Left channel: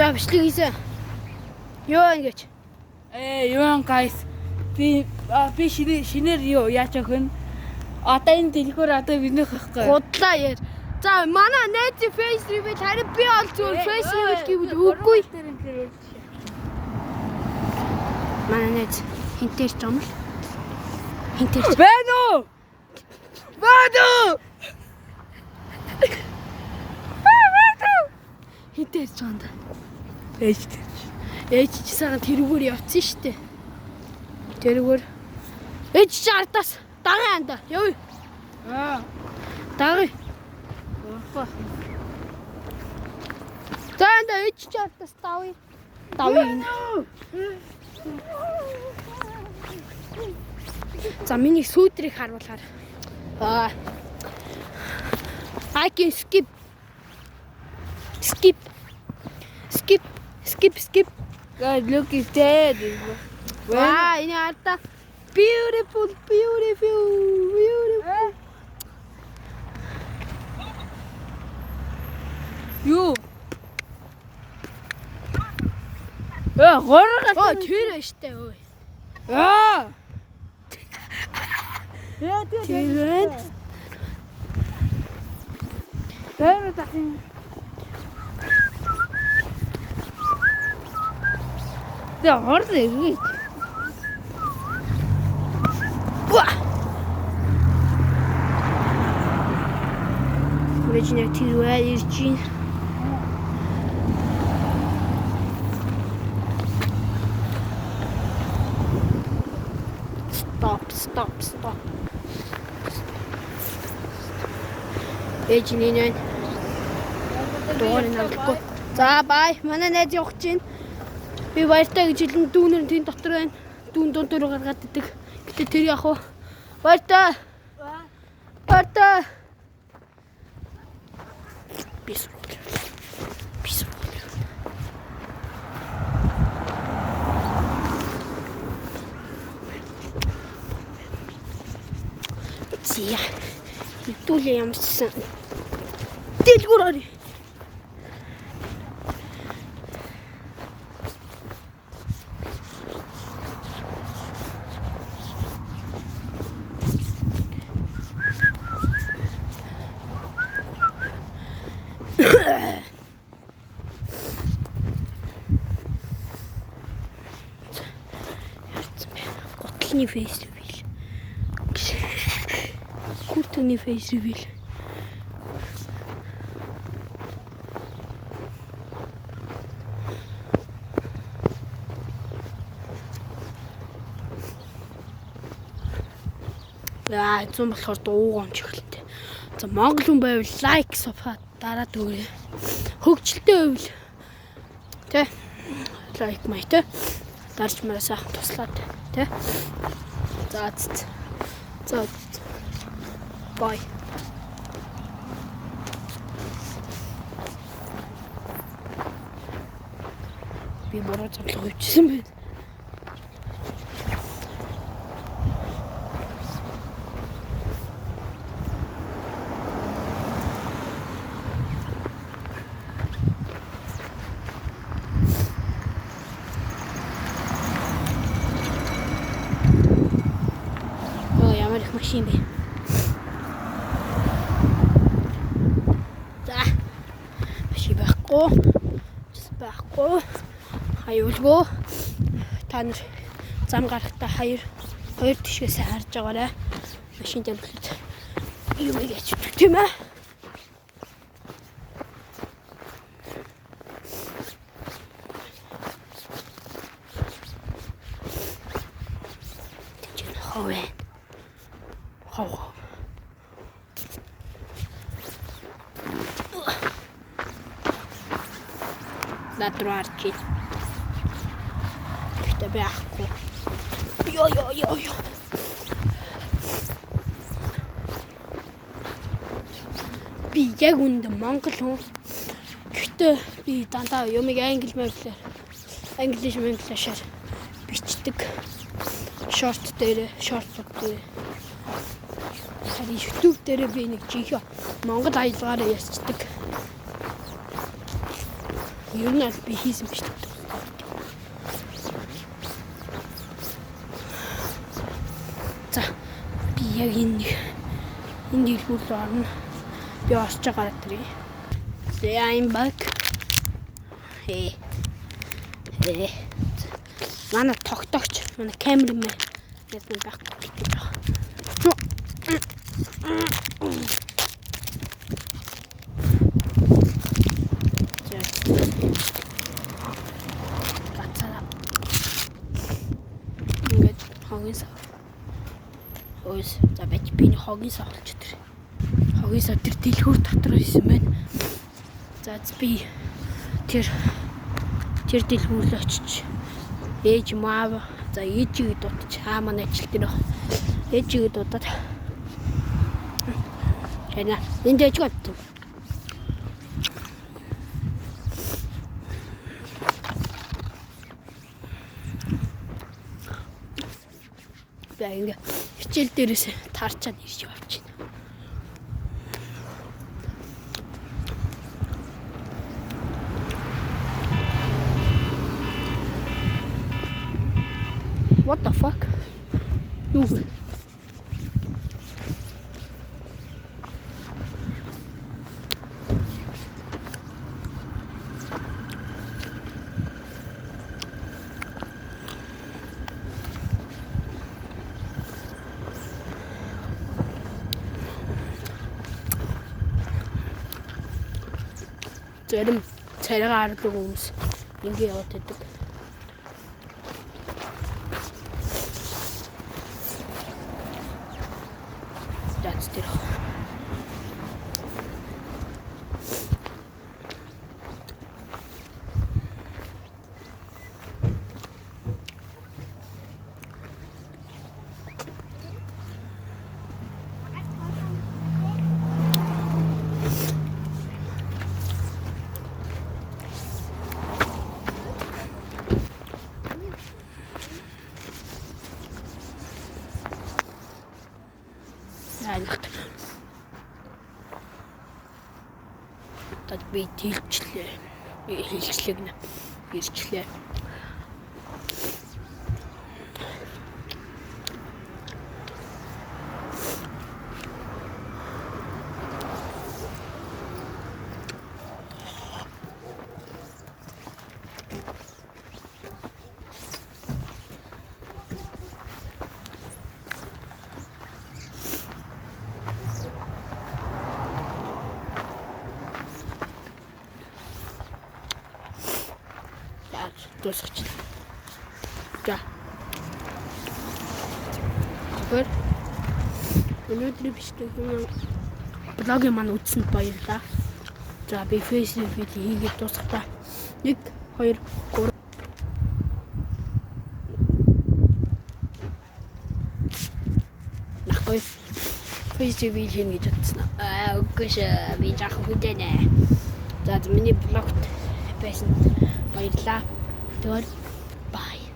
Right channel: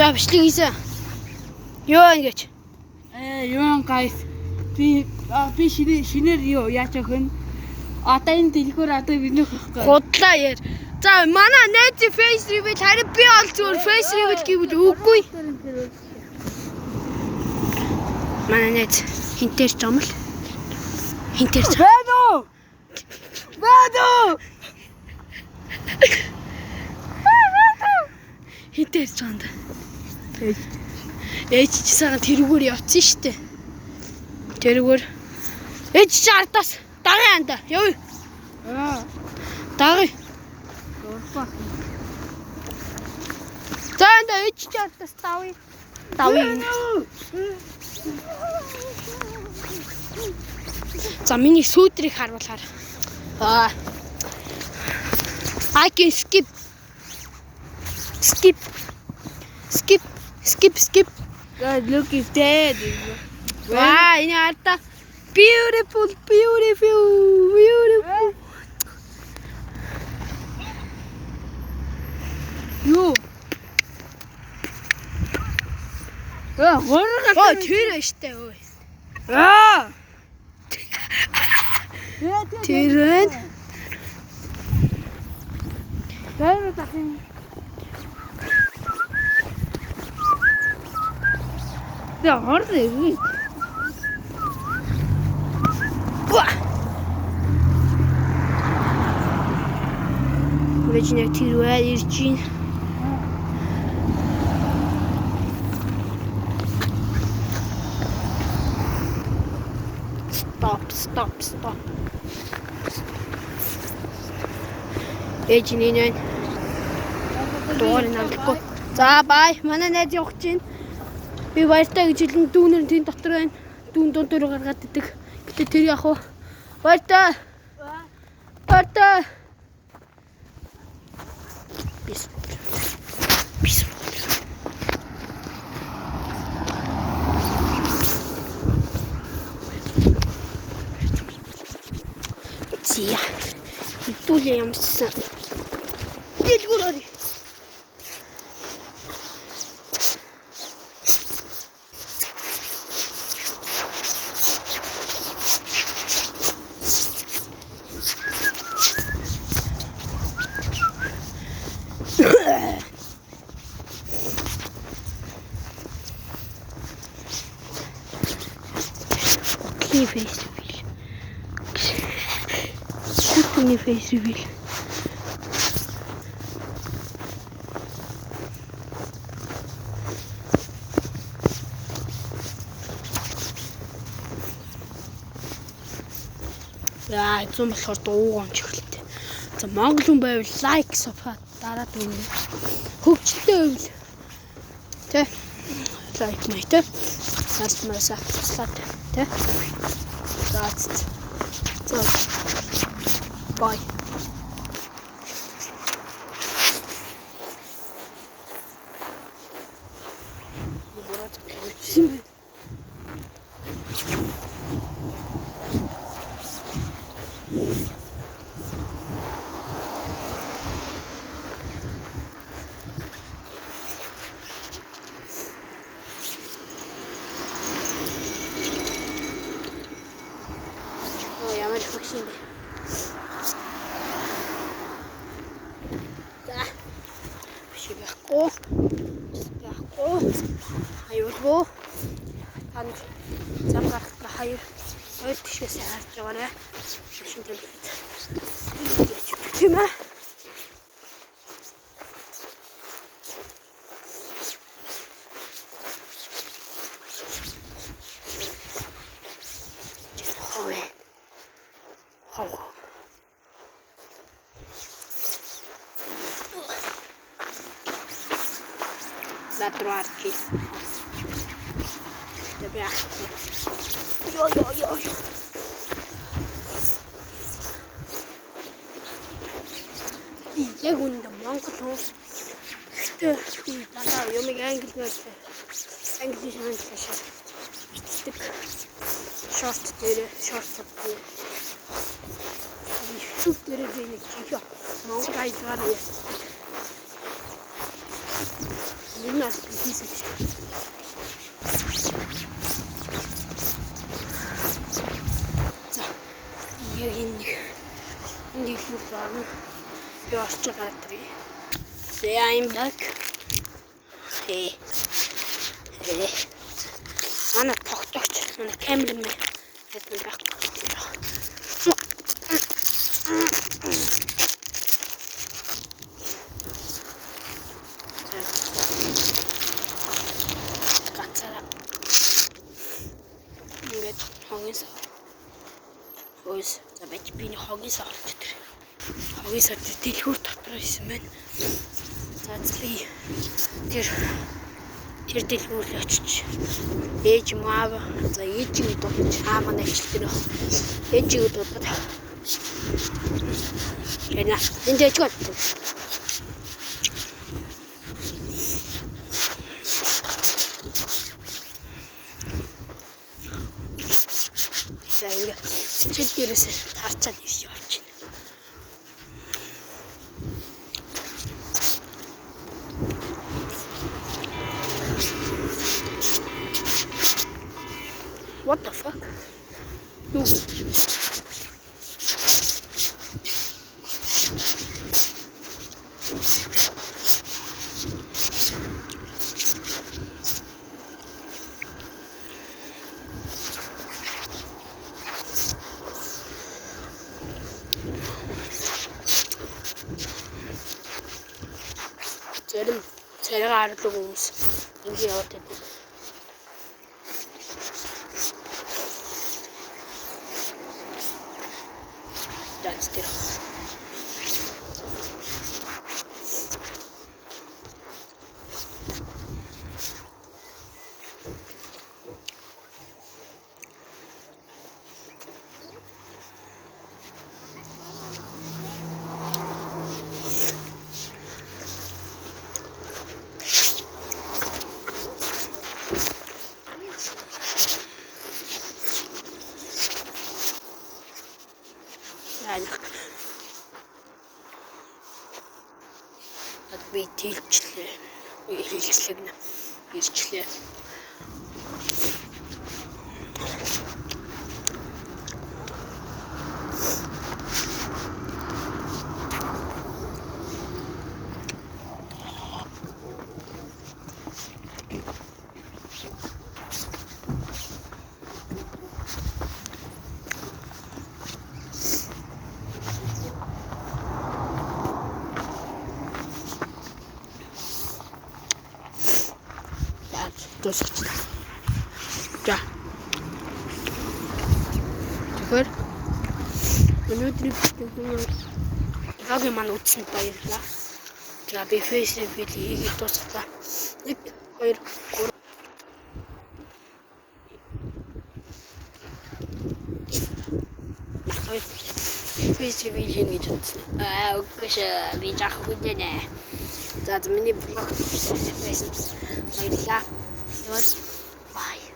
За бичлэг хийсэн. Юу ингэж? Юу guys. Би шинээр юу яаж явах вэ? Одоо энэ дэлгүүр одоо бидний хөхгүй. Гудлаа яар. За манай найз face reveal харин би ол зүгээр face reveal гэвэл үгүй. Манай найз хинтэр ч юм л. Хинтэр ч. Байна уу? Хинтэр ч ганд. Ээж чи сагаад тэрүүгээр явцсан штэ. Тэрүүгээр ээж чи ардаас дагын анда. Явъя. Дагъя. За анда ээж чи ардаас давъя. За миний сүүдрийг харуулахаар. I can skip. God, look is dead. Wow, ini ada beautiful. Юу? Гороо Оо, тэр штэ өө. Тэр. Гэрээ тахын. Тэ хорны. Үржинэ тэрвээ ирчин. Stop. Ээжинээ дуурай навдаггүй. За бай. Манай найз явах чинь. Би баяртай гэж хэлэн дүүнэр тэн дотор байна. Дүүн дундуур гаргаад идэг. Гэтэ тэр яах вэ? Баяртай. Бис. Зя. Ипуле ямсан. Дэлгүүрээ. Face reveal. Яа, зүүн болохоор дууган ч ихлээ. За Монгол хүн байвал лайк, субсcribe дараад өгье. Хөгжилтэй байвал тэ лайк майтай. Марсмасаа туслаад тэ. За. Bye. Би бороо цаглах үлчсэн байна. Ямар их машин бэ? Байхгүй. Хаюулгүй. Танд зам гарахтаа хоёр тишгээс харж байгаарай. Машин тамхилт. Юу яач тийм ээ. Хоо. Натрарки. Тебе ахку. Йо. Би яг үндэ Монгол хүн. Гэхдээ би дандаа юмыг англи мэлээр бичдэг. Шорт дээр. YouTube дээр би нэг жишээ Монгол аялгаар ярьцдаг. Ер нь бол би хийсэн ч тийм. За би яг энэ дэлгүүр орно. Би орч байгаа тэрий. I'm back. Hey. Манай тогтоогч, манай камермен яг нэг байхгүй. Гацаараа. Ингээд хогийн сав. Хөөс за бач биний хогийн савлч тэр. Хогийн сав тэр дэлгүүр дотор байсан байна. За би тэр дэлгүүр рүү очиж ээж маав за ээжийг дуудаж манай хилтэр баг. Ээжийг дуудаад яна энэ ээж гот. За ингээ цэцэл дээрээс таарчаад ирж явж байна. What the fuck? Юу вэ? Зарим царайгаа арлаг хүмүүс ингэ яваад байдаг. That's it. Tad би тэлчлээ. Хэлцлэгнэ. Хэлчлээ. Дуусчихлаа. За. Тэгэхээр өнөөдрийн блогийн маань үзсэнд баярлалаа. За би Facebook хийгээд дуусгатлаа. 1 2 3 Facebook хийнэ гэж бодсон. Үгүй шээ. Би жаахан хүнтэй. За миний блог байсан баярлалаа. Bye.